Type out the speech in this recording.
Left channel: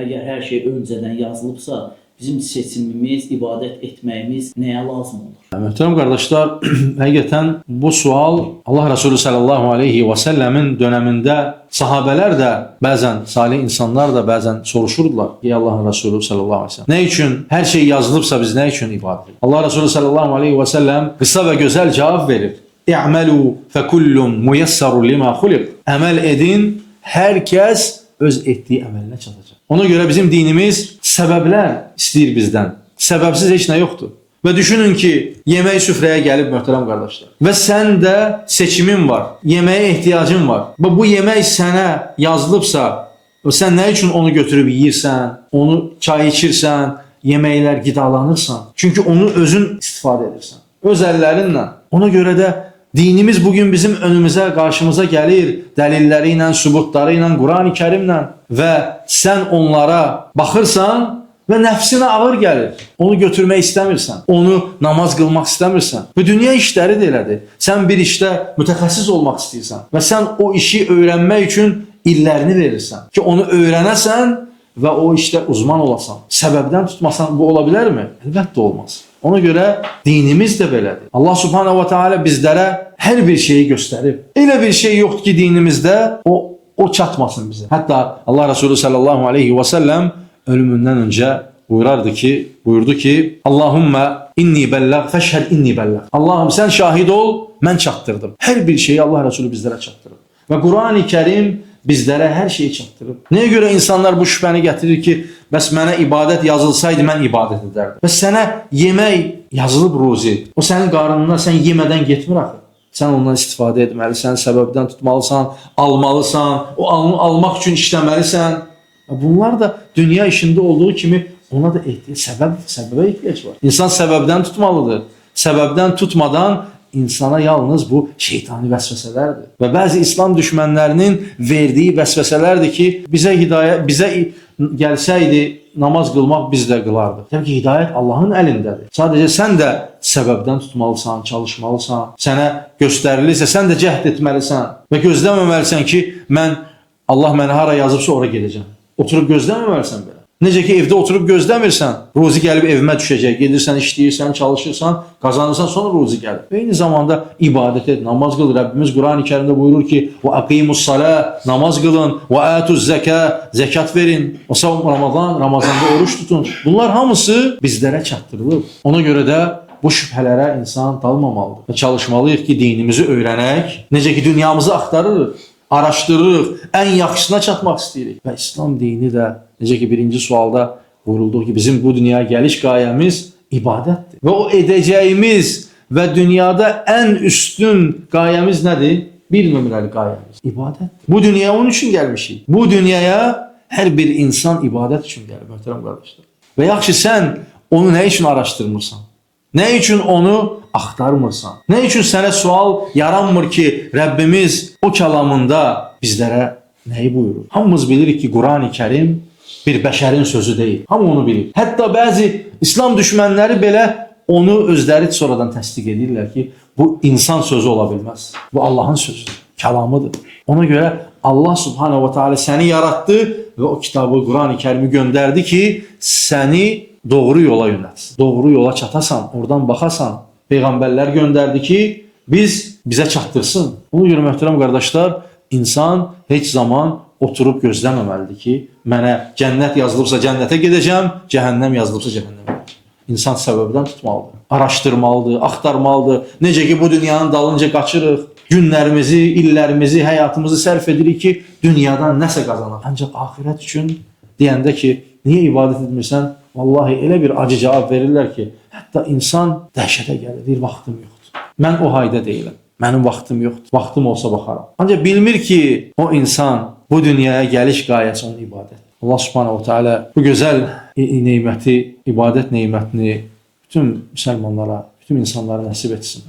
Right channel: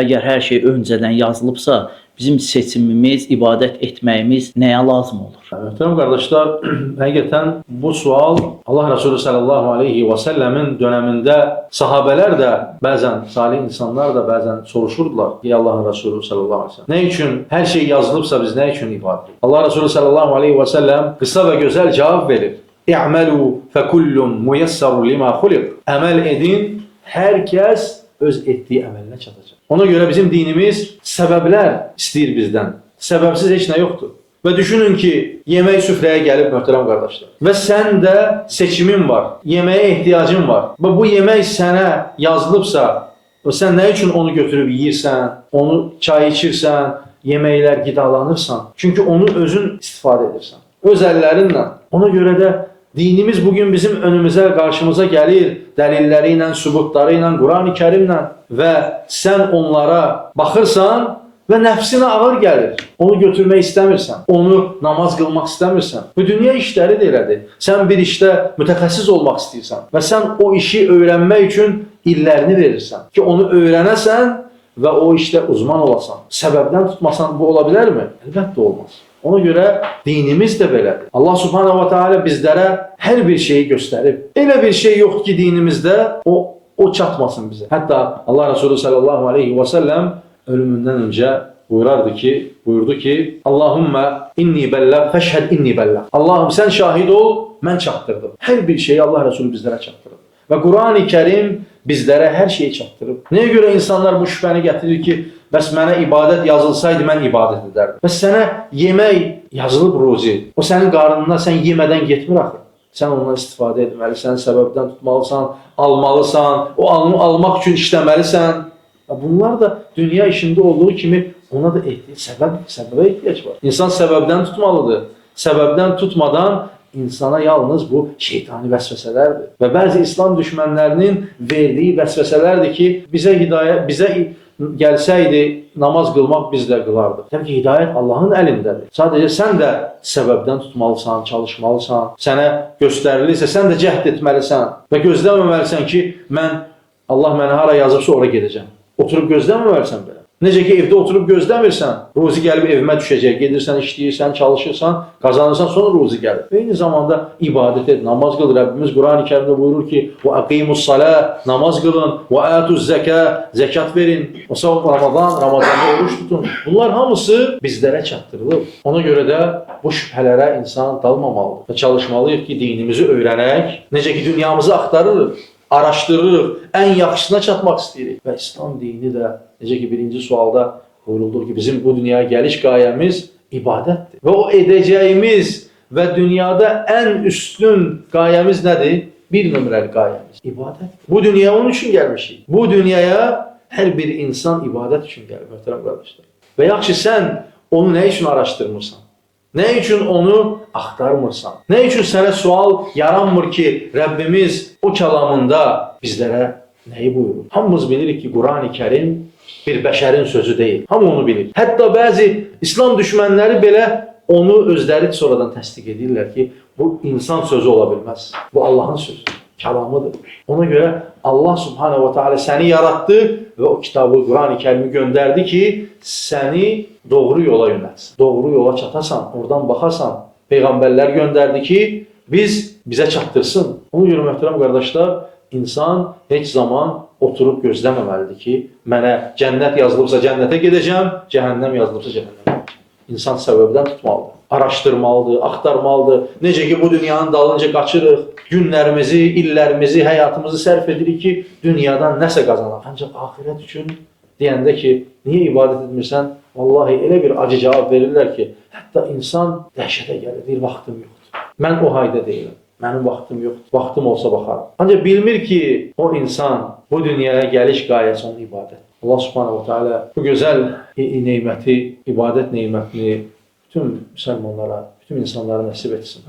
Əgər hər şey öncədən yazılıbsa, bizim seçimimiz, ibadət etməyimiz nəyə lazım olur? Möhtərəm qardaşlar, həqiqətən bu sual Allah Resulü sallallahu aleyhi və səlləmin dönəmində sahabələr də bəzən, salih insanlar da bəzən soruşurdular. Ey Allahın Resulü sallallahu aleyhi və səlləm, nə üçün hər şey yazılıbsa biz nə üçün ibadət? Allah Resulü sallallahu aleyhi və səlləm qısa və gözəl cavab verir. İ'məlu fəkullun muyassarun lima xuliq. Əməl edin, hər kəs öz etdiyi əməlinə çatacaq. Ona görə bizim dinimiz səbəblər istəyir bizdən. Səbəbsiz heç nə yoxdur. Və düşünün ki, yemək süfrəyə gəlib möhtərəm qardaşlar. Və sən də seçimin var, yeməyə ehtiyacın var. Və bu yemək sənə yazılıbsa, sən nə üçün onu götürüb yeyirsən, onu çay içirsən, yeməklər qidalanırsan. Çünki onu özün istifadə edirsən. Öz əllərinlə. Ona görə də dinimiz bugün bizim önümüzə, qarşımıza gəlir, dəlilləri ilə, sübutları ilə, Quran-ı Kərimlə və sən onlara baxırsan və nəfsinə ağır gəlir. Onu götürmək istəmirsən, onu namaz qılmaq istəmirsən. Və dünya işləri də elədir. Sən bir işdə mütəxəssis olmaq istəyirsən və sən o işi öyrənmək üçün illərini verirsən ki, onu öyrənəsən və o işdə uzman olasan. Səbəbdən tutmasan bu ola bilərmi? Əlbəttə olmaz. Ona görə dinimiz də belədir. Allah subhanahu wa ta'ala bizlərə hər bir şeyi göstərib. Elə bir şey yoxdur ki, dinimizdə o çatmasın bizə. Hətta Allah Resulü sallallahu aleyhi və səlləm ölümündən öncə buyurdu ki, Allahümmə inni bəlləq, fəşhəd inni bəlləq. Allahım sən şahid ol, mən çatdırdım. Hər bir şeyi Allah Resulü bizlərə çatdırıb. Və Quran-ı Kərim bizlərə hər şeyi çatdırıb. Nəyə görə insanlar bu şübhəni gətirir ki, bəs mənə ibadət yazılsaydı, mən ibadət edərdim. Bəs sənə yemək yazılıb ruzi. O sənin qarnına, sən yemədən getmir axı. Sən ondan istifadə etməlisən, səbəbdən tutmalısan, almalısan, o almaq üçün işləməlisən. Bunlar da dünya işində olduğu kimi ona da səbəbə ehtiyac var. İnsan səbəbdən tutmalıdır. Səbəbdən tutmadan insana yalnız bu şeytani vəsvəsələrdir. Və bəzi İslam düşmənlərinin verdiyi vəsvəsələrdir ki, bizə gəlsəydi namaz qılmaq biz də qılardıq. Təbii ki, hidayət Allahın əlindədir. Sadəcə sən də səbəbdən tutmalısan, çalışmalısan. Sənə göstərilirsə, sən də cəhd etməlisən və gözləməməlisən ki, Allah mənə hara yazıbsa ora gedəcəm. Oturub gözləməməlisən belə. Necə ki, evdə oturub gözləmirsən, ruzi gəlib evimə düşəcək, gedirsən, işləyirsən, çalışırsan, qazanırsan, sonra ruzi gəlir. Eyni zamanda ibadət et, namaz qıl. Rəbbimiz Quran-ı Kərimdə buyurur ki, وَأَقِيمُ namaz qılın, وَآتُ zəkat verin, Ramazanda oruç tutun. Bunlar hamısı bizlərə çatdırılıb. Ona görə də bu şübhələrə insan dalmamalıdır. Və çalışmalıyıq ki, dinimizi öyrənək, necə ki, dünyamızı axtarırıq, araşdırırıq, ən yaxşısına çatmaq istəyirik. Və İslam dini də, necə ki, birinci sualda buyurulduğu ki, bizim bu dünyaya gəliş qayəmiz ibadətdir. Və o edəcəyimiz və dünyada ən üstün qayəmiz nədir? Bir nömrəli qayəmiz ibadətdir. Bu dünyaya onun üçün gəlmişik. Bu dünyaya hər bir insan ibadət üçün gəlir, möhtərəm qardaşlar. Və yaxşı, sən onu nə üçün araşdırmırsan? Nə üçün onu axtarmırsan? Nə üçün sənə sual yaranmır ki, Rəbbimiz o kəlamında bizlərə nəyi buyurur? Hamımız bilirik ki, Quran-ı Kərim bir bəşərin sözü deyil. Hamı onu bilir. Hətta bəzi İslam düşmənləri belə onu özləri sonradan təsdiq edirlər ki, bu insan sözü ola bilməz. Bu Allahın sözüdür, kəlamıdır. Ona görə Allah subhanahu wa ta'ala səni yaratdı və o kitabı, Quran-ı Kərimi göndərdi ki, səni doğru yola yönəltsin. Doğru yola çatasan, oradan baxasan. Peyğəmbərlər göndərdi ki, bizə çatdırsın. Ona görə möhtərəm qardaşlar, insan heç zaman oturub gözləməməlidir ki, mənə cənnət yazılıbsa cənnətə gedəcəm, cəhənnəm yazılıbsa cəhənnəmə. İnsan səbəbdən tutmalıdır, araşdırmalıdır, axtarmalıdır. Necə ki, bu dünyanın dalınca qaçırıq, günlərimizi, illərimizi, həyatımızı sərf edirik ki, dünyadan nəsə qazanaq. Ancaq axirət üçün deyəndə ki, niyə ibadət etmirsən? Vallahi elə bir acı cavab verirlər ki, hətta insan dəhşətə gəlir, deyir, vaxtım yoxdur. Mən o hayda deyiləm, mənim vaxtım yoxdur, vaxtım olsa baxarım. Ancaq bilmir ki, o insan bu dünyaya gəliş qayəsi onun ibadət. Allah subhanahu teala bu gözəl neməti, ibadət nemətini bütün müsəlmanlara, bütün insanlara nəsib etsin.